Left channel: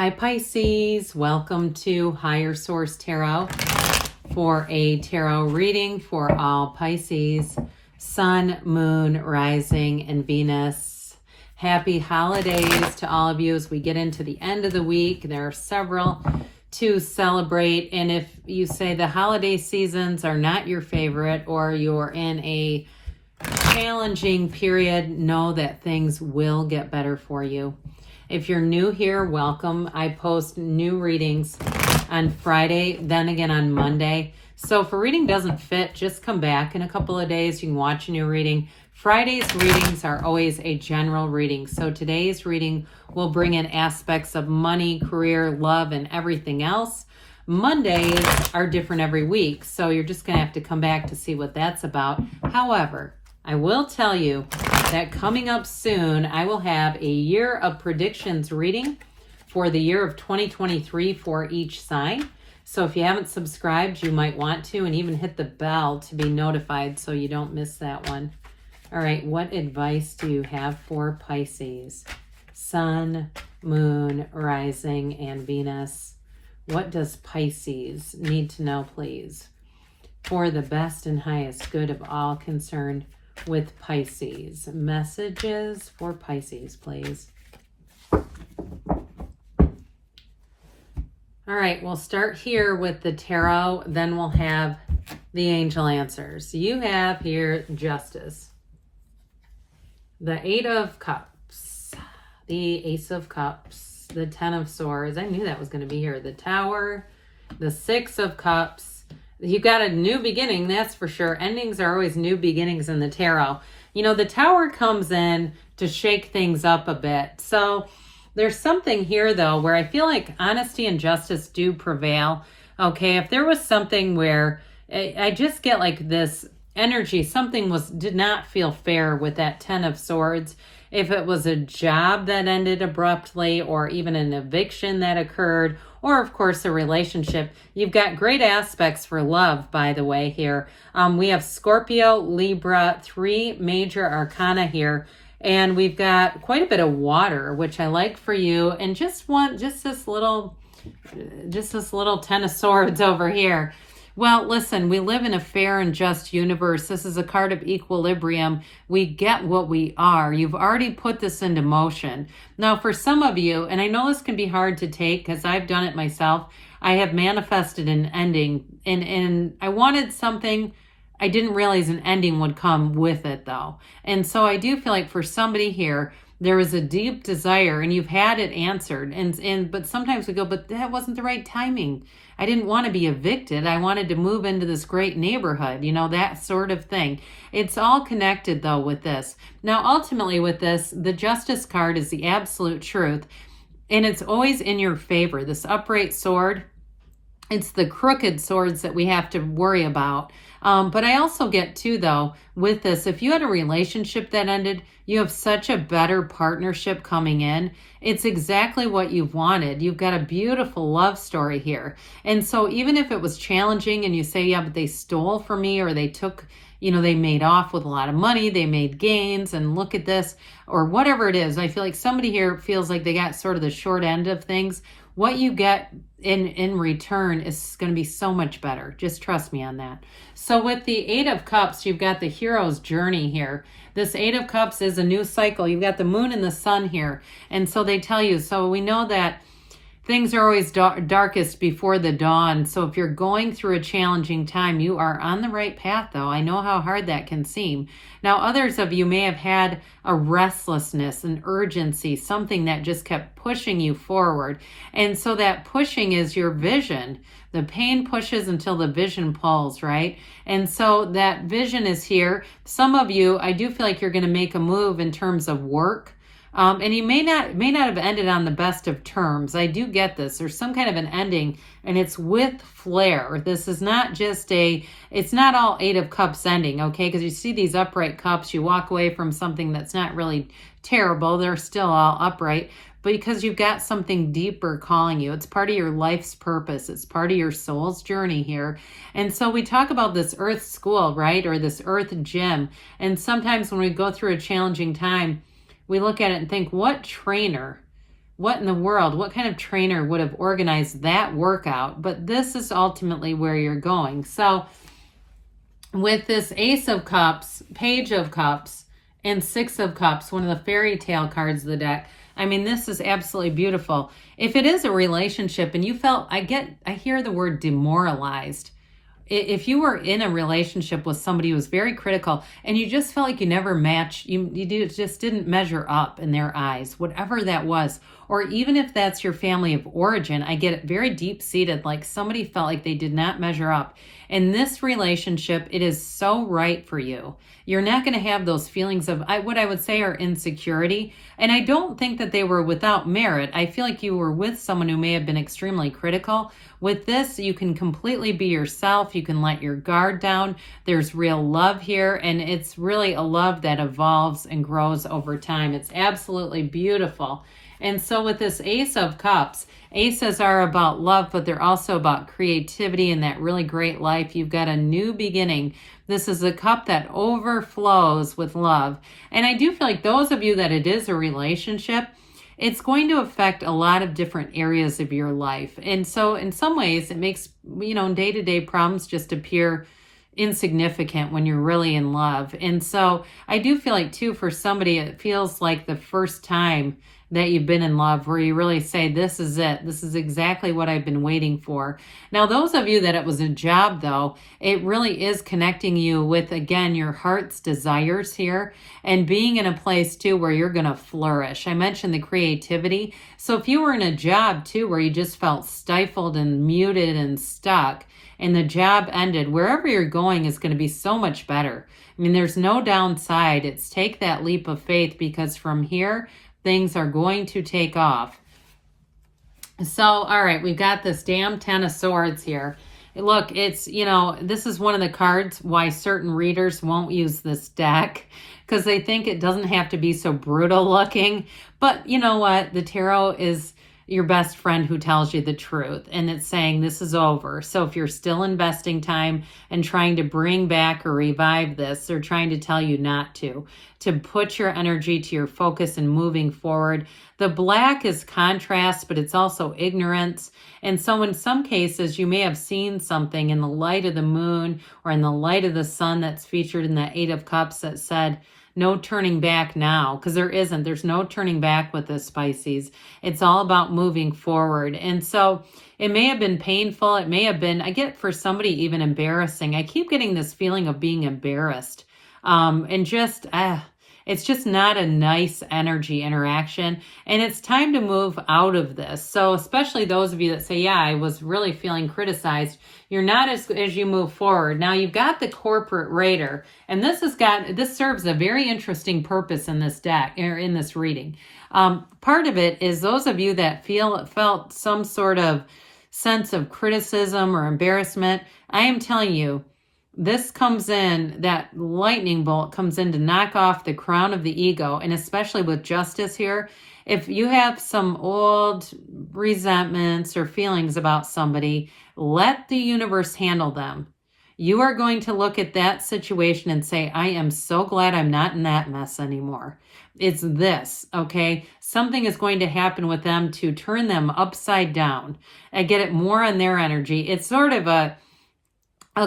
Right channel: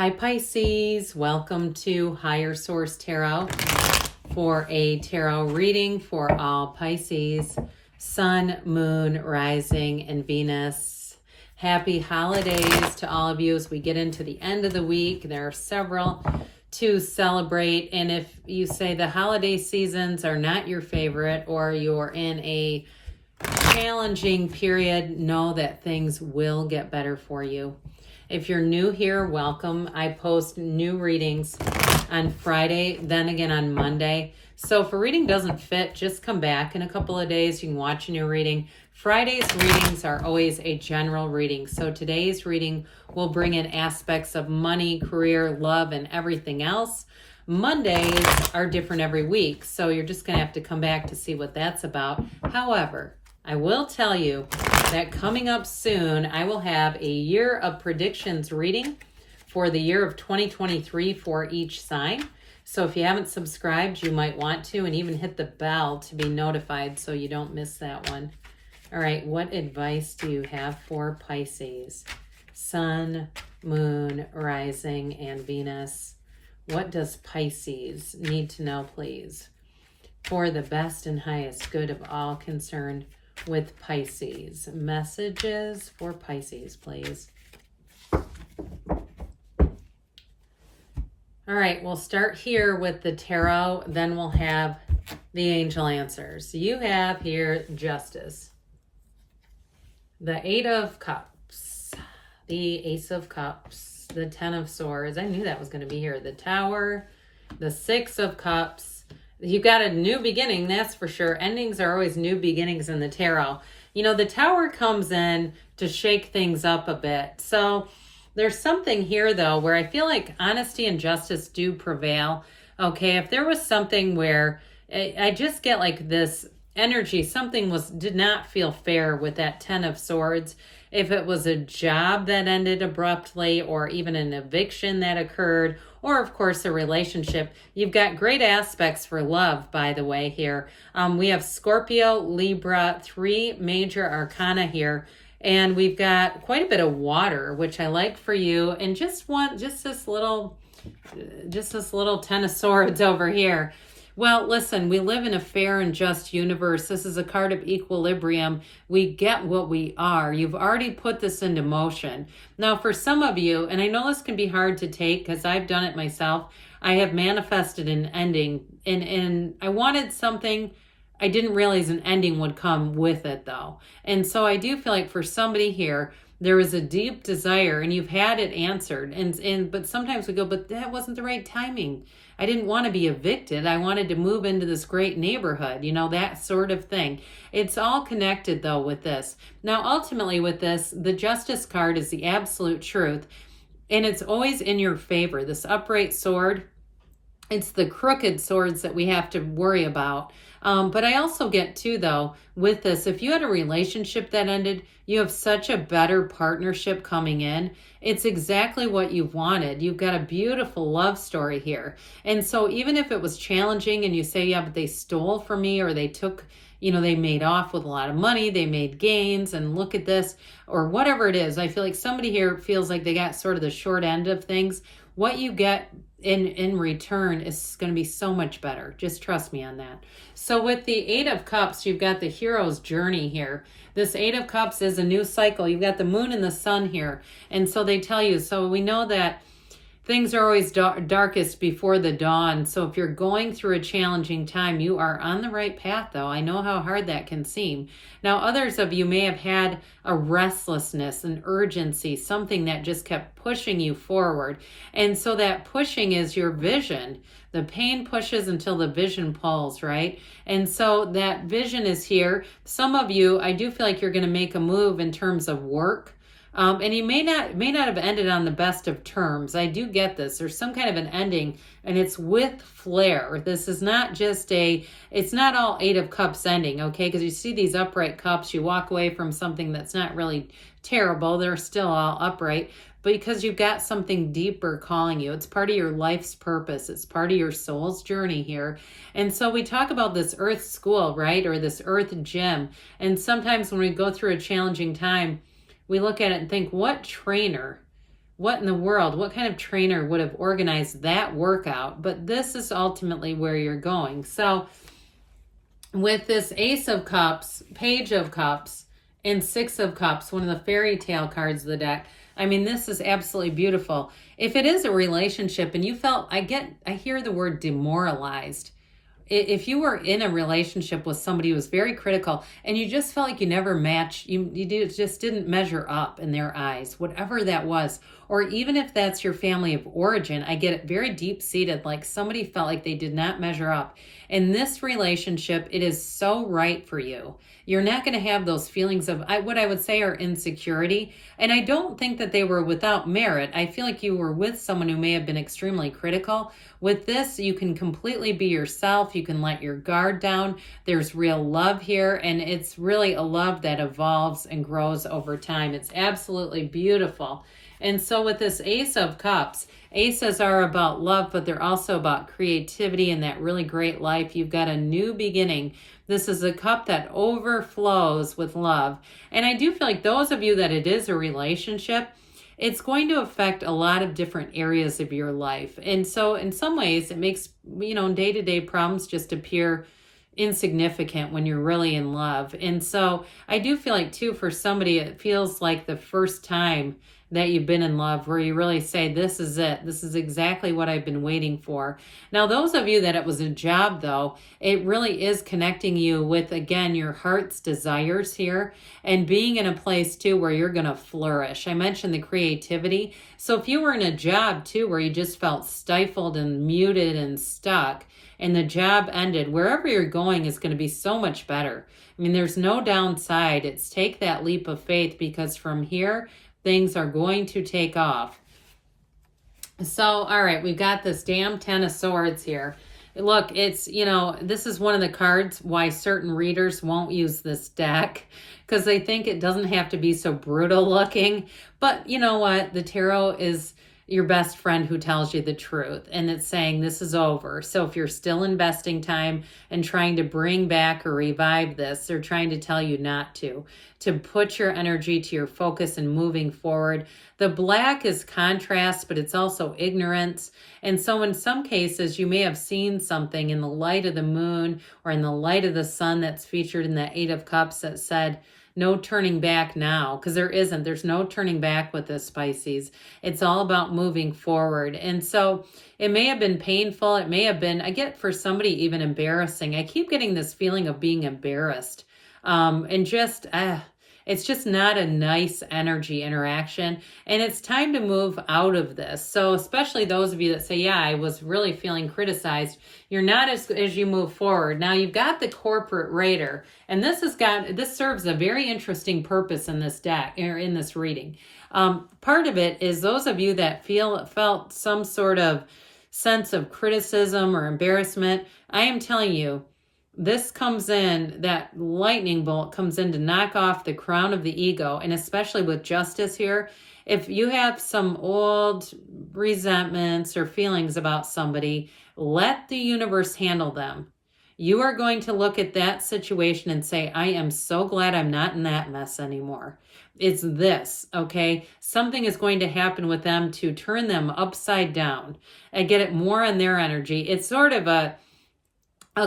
Hi Pisces, welcome to Higher Source Tarot for a tarot reading for all Pisces, Sun, Moon, Rising, and Venus. Happy holidays to all of you as we get into the end of the week. There are several to celebrate, and if you say the holiday seasons are not your favorite or you're in a challenging period, know that things will get better for you. If you're new here, welcome. I post new readings on Friday, then again on Monday. So if a reading doesn't fit, just come back in a couple of days. You can watch a new reading. Friday's readings are always a general reading. So today's reading will bring in aspects of money, career, love, and everything else. Mondays are different every week. So you're just going to have to come back to see what that's about. However, I will tell you that coming up soon, I will have a year of predictions reading for the year of 2023 for each sign. So if you haven't subscribed, you might want to, and even hit the bell to be notified so you don't miss that one. All right, what advice do you have for Pisces? Sun, Moon, Rising, and Venus. What does Pisces need to know, please? For the best and highest good of all concerned with Pisces. Messages for Pisces, please. All right, we'll start here with the tarot, then we'll have the angel answers. You have here Justice, the Eight of Cups, the Ace of Cups, the Ten of Swords. I knew that was going to be here. The Tower, the Six of Cups. You've got a new beginning, that's for sure. Endings are always new beginnings in the tarot. You know, the Tower comes in to shake things up a bit. So there's something here, though, where I feel like honesty and justice do prevail. Okay, if there was something where I just get like this energy, something did not feel fair with that Ten of Swords. If it was a job that ended abruptly, or even an eviction that occurred, or of course a relationship. You've got great aspects for love, by the way, here. We have Scorpio, Libra, 3 major arcana here, and we've got quite a bit of water, which I like for you, and just this little Ten of Swords over here. Well, listen, we live in a fair and just universe. This is a card of equilibrium. We get what we are. You've already put this into motion. Now, for some of you, and I know this can be hard to take because I've done it myself, I have manifested an ending, and I wanted something. I didn't realize an ending would come with it, though. And so I do feel like for somebody here, there is a deep desire, and you've had it answered. But sometimes we go, but that wasn't the right timing. I didn't want to be evicted. I wanted to move into this great neighborhood, you know, that sort of thing. It's all connected, though, with this. Now, ultimately with this, the Justice card is the absolute truth, and it's always in your favor. This upright sword, it's the crooked swords that we have to worry about. But I also get, too, though, with this, if you had a relationship that ended, you have such a better partnership coming in. It's exactly what you've wanted. You've got a beautiful love story here. And so even if it was challenging and you say, yeah, but they stole from me, or they took, you know, they made off with a lot of money, they made gains, and look at this, or whatever it is, I feel like somebody here feels like they got sort of the short end of things. What you get in return is going to be so much better. Just trust me on that. So with the Eight of Cups, you've got the hero's journey here. This Eight of Cups is a new cycle. You've got the moon and the sun here. And so they tell you, so we know that things are always darkest before the dawn. So if you're going through a challenging time, you are on the right path, though. I know how hard that can seem. Now, others of you may have had a restlessness, an urgency, something that just kept pushing you forward. And so that pushing is your vision. The pain pushes until the vision pulls, right? And so that vision is here. Some of you, I do feel like you're going to make a move in terms of work. And you may not have ended on the best of terms. I do get this. There's some kind of an ending, and it's with flair. This is not just it's not all Eight of Cups ending, okay? Because you see these upright cups, you walk away from something that's not really terrible. They're still all upright. But because you've got something deeper calling you. It's part of your life's purpose. It's part of your soul's journey here. And so we talk about this earth school, right? Or this earth gym. And sometimes when we go through a challenging time, we look at it and think, what trainer what in the world, what kind of trainer would have organized that workout? But this is ultimately where you're going. So with this Ace of Cups, Page of Cups, and Six of Cups, one of the fairy tale cards of the deck, I mean, this is absolutely beautiful. If it is a relationship and you felt, I hear the word demoralized. If you were in a relationship with somebody who was very critical and you just felt like you never matched, just didn't measure up in their eyes, whatever that was, or even if that's your family of origin, I get it very deep-seated, like somebody felt like they did not measure up. In this relationship, it is so right for you. You're not going to have those feelings of what I would say are insecurity. And I don't think that they were without merit. I feel like you were with someone who may have been extremely critical. With this, you can completely be yourself. You can let your guard down. There's real love here. And it's really a love that evolves and grows over time. It's absolutely beautiful. And so with this Ace of Cups, aces are about love, but they're also about creativity and that really great life. You've got a new beginning. This is a cup that overflows with love. And I do feel like those of you that it is a relationship, it's going to affect a lot of different areas of your life. And so in some ways, it makes, day-to-day problems just appear insignificant when you're really in love. And so I do feel like, too, for somebody, it feels like the first time that you've been in love where you really say, this is it. This is exactly what I've been waiting for. Now, those of you that it was a job, though, it really is connecting you with, again, your heart's desires here and being in a place, too, where you're going to flourish. I mentioned the creativity. So if you were in a job, too, where you just felt stifled and muted and stuck, and the job ended, wherever you're going is going to be so much better. I mean, there's no downside. It's take that leap of faith, because from here, things are going to take off. So, all right, we've got this damn Ten of Swords here. Look, it's, this is one of the cards why certain readers won't use this deck, because they think it doesn't have to be so brutal looking. But you know what? The tarot is your best friend who tells you the truth, and it's saying this is over. So if you're still investing time and trying to bring back or revive this, they're trying to tell you not to put your energy to your focus and moving forward. The black is contrast, but it's also ignorance. And so in some cases, you may have seen something in the light of the moon or in the light of the sun that's featured in the Eight of Cups that said, no turning back now, because there's no turning back with this, Pisces. It's all about moving forward. And so it may have been painful. It may have been, I get for somebody even embarrassing. I keep getting this feeling of being embarrassed. And just, it's just not a nice energy interaction. And it's time to move out of this. So especially those of you that say, yeah, I was really feeling criticized. You're not as you move forward. Now you've got the corporate raider, and this serves a very interesting purpose in this deck, or in this reading. Part of it is those of you that felt some sort of sense of criticism or embarrassment. I am telling you, this comes in, that lightning bolt comes in to knock off the crown of the ego, and especially with justice here. If you have some old resentments or feelings about somebody, let the universe handle them. You are going to look at that situation and say, I am so glad I'm not in that mess anymore. It's this, okay? Something is going to happen with them to turn them upside down and get it more on their energy. It's sort of a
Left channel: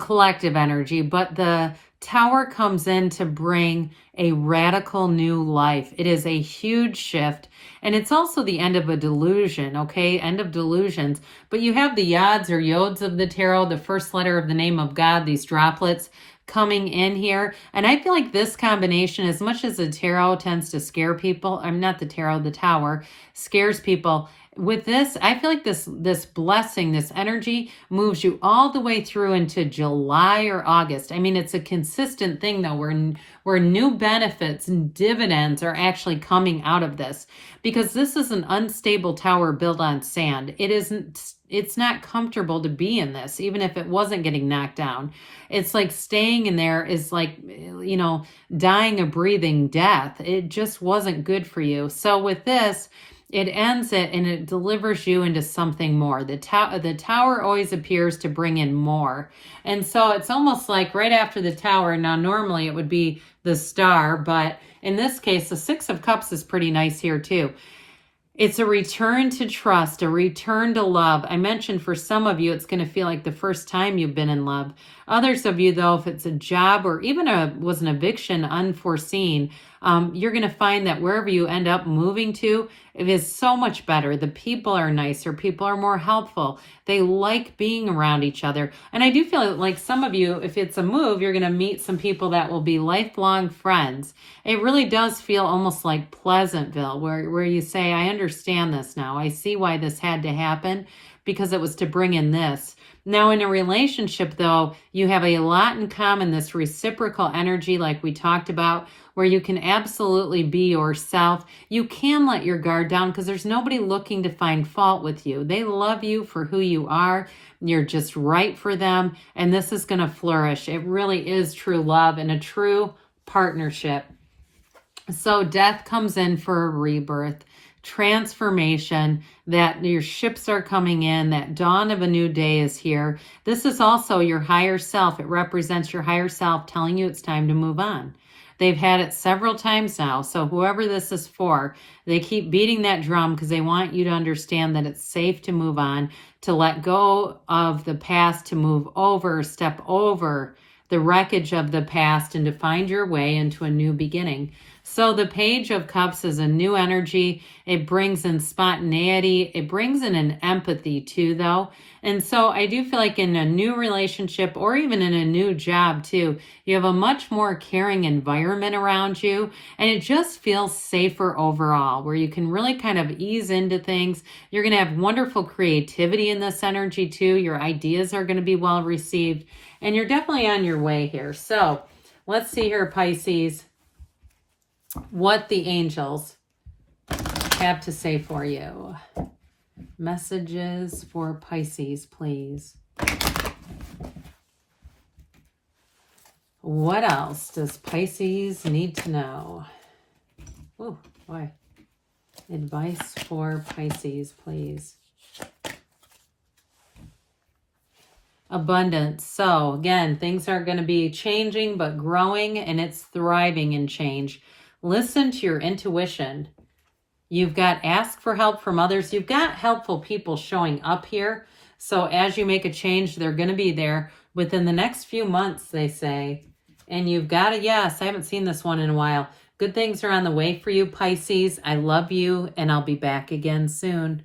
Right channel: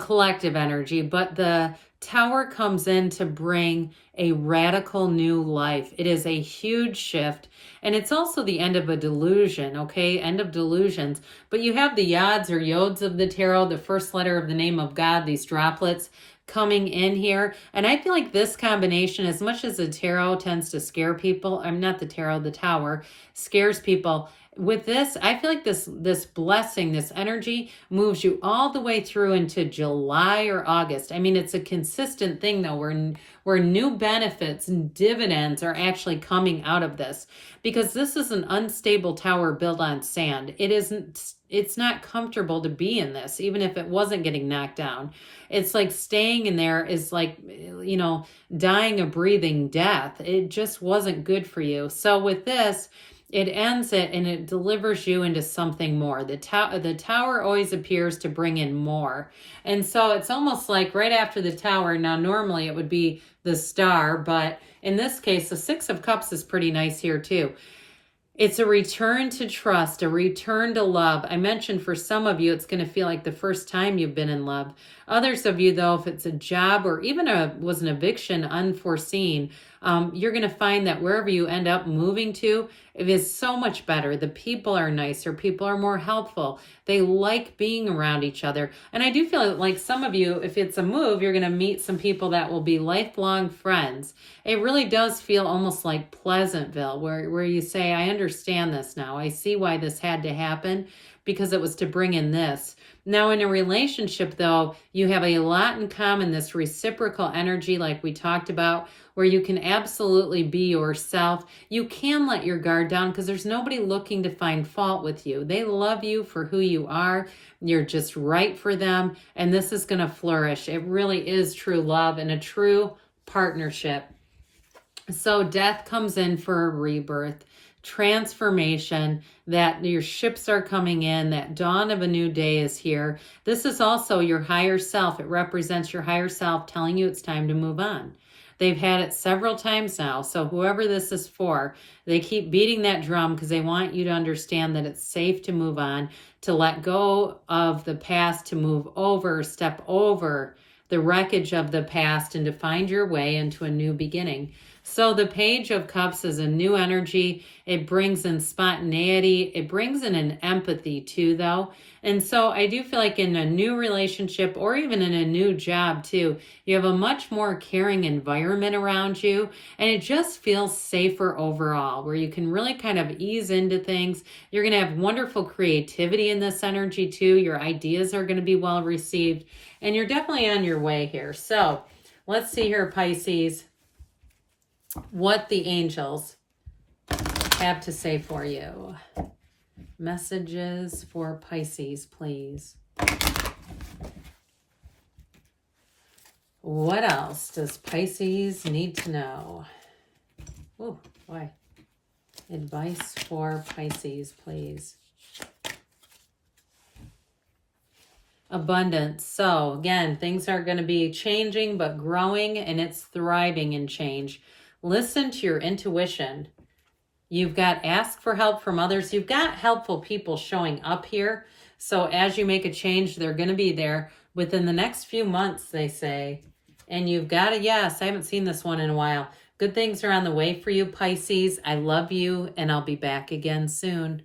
collective energy, but the Tower comes in to bring a radical new life. It is a huge shift, and it's also the end of a delusion, okay? End of delusions. But you have the yods or yods of the tarot, the first letter of the name of God, these droplets coming in here. And I feel like this combination, as much as the tarot tends to scare people, I'm not the tarot, the Tower scares people. With this, I feel like this blessing, this energy moves you all the way through into July or August. I mean, it's a consistent thing, though, where new benefits and dividends are actually coming out of this, because this is an unstable tower built on sand. It's not comfortable to be in this, even if it wasn't getting knocked down. It's like staying in there is like, dying a breathing death. It just wasn't good for you. So with this, it ends it and it delivers you into something more. The tower always appears to bring in more. And so it's almost like right after the Tower, now normally it would be the Star, but in this case, the Six of Cups is pretty nice here too. It's a return to trust, a return to love. I mentioned for some of you, it's going to feel like the first time you've been in love. Others of you, though, if it's a job or even was an eviction unforeseen, you're going to find that wherever you end up moving to, it is so much better. The people are nicer. People are more helpful. They like being around each other. And I do feel like some of you, if it's a move, you're going to meet some people that will be lifelong friends. It really does feel almost like Pleasantville, where you say, I understand this now. I see why this had to happen, because it was to bring in this. Now, in a relationship, though, you have a lot in common, this reciprocal energy like we talked about, where you can absolutely be yourself. You can let your guard down because there's nobody looking to find fault with you. They love you for who you are. You're just right for them, and this is going to flourish. It really is true love and a true partnership. So death comes in for a rebirth, transformation, that your ships are coming in, that dawn of a new day is here. This is also your higher self. It represents your higher self telling you it's time to move on. They've had it several times now. So whoever this is for, they keep beating that drum because they want you to understand that it's safe to move on, to let go of the past, to move over, step over the wreckage of the past, and to find your way into a new beginning. So the Page of Cups is a new energy. It brings in spontaneity. It brings in an empathy too, though. And so I do feel like in a new relationship or even in a new job too, you have a much more caring environment around you. And it just feels safer overall, where you can really kind of ease into things. You're going to have wonderful creativity in this energy too. Your ideas are going to be well received. And you're definitely on your way here. So let's see here, Pisces, what the angels have to say for you. Messages for Pisces, please. What else does Pisces need to know? Oh, boy. Advice for Pisces, please. Abundance. So again, things are going to be changing but growing, and it's thriving in change. Listen to your intuition. You've got ask for help from others. You've got helpful people showing up here. So as you make a change, they're going to be there within the next few months, they say. And you've got a yes. I haven't seen this one in a while. Good things are on the way for you, Pisces. I love you, and I'll be back again soon.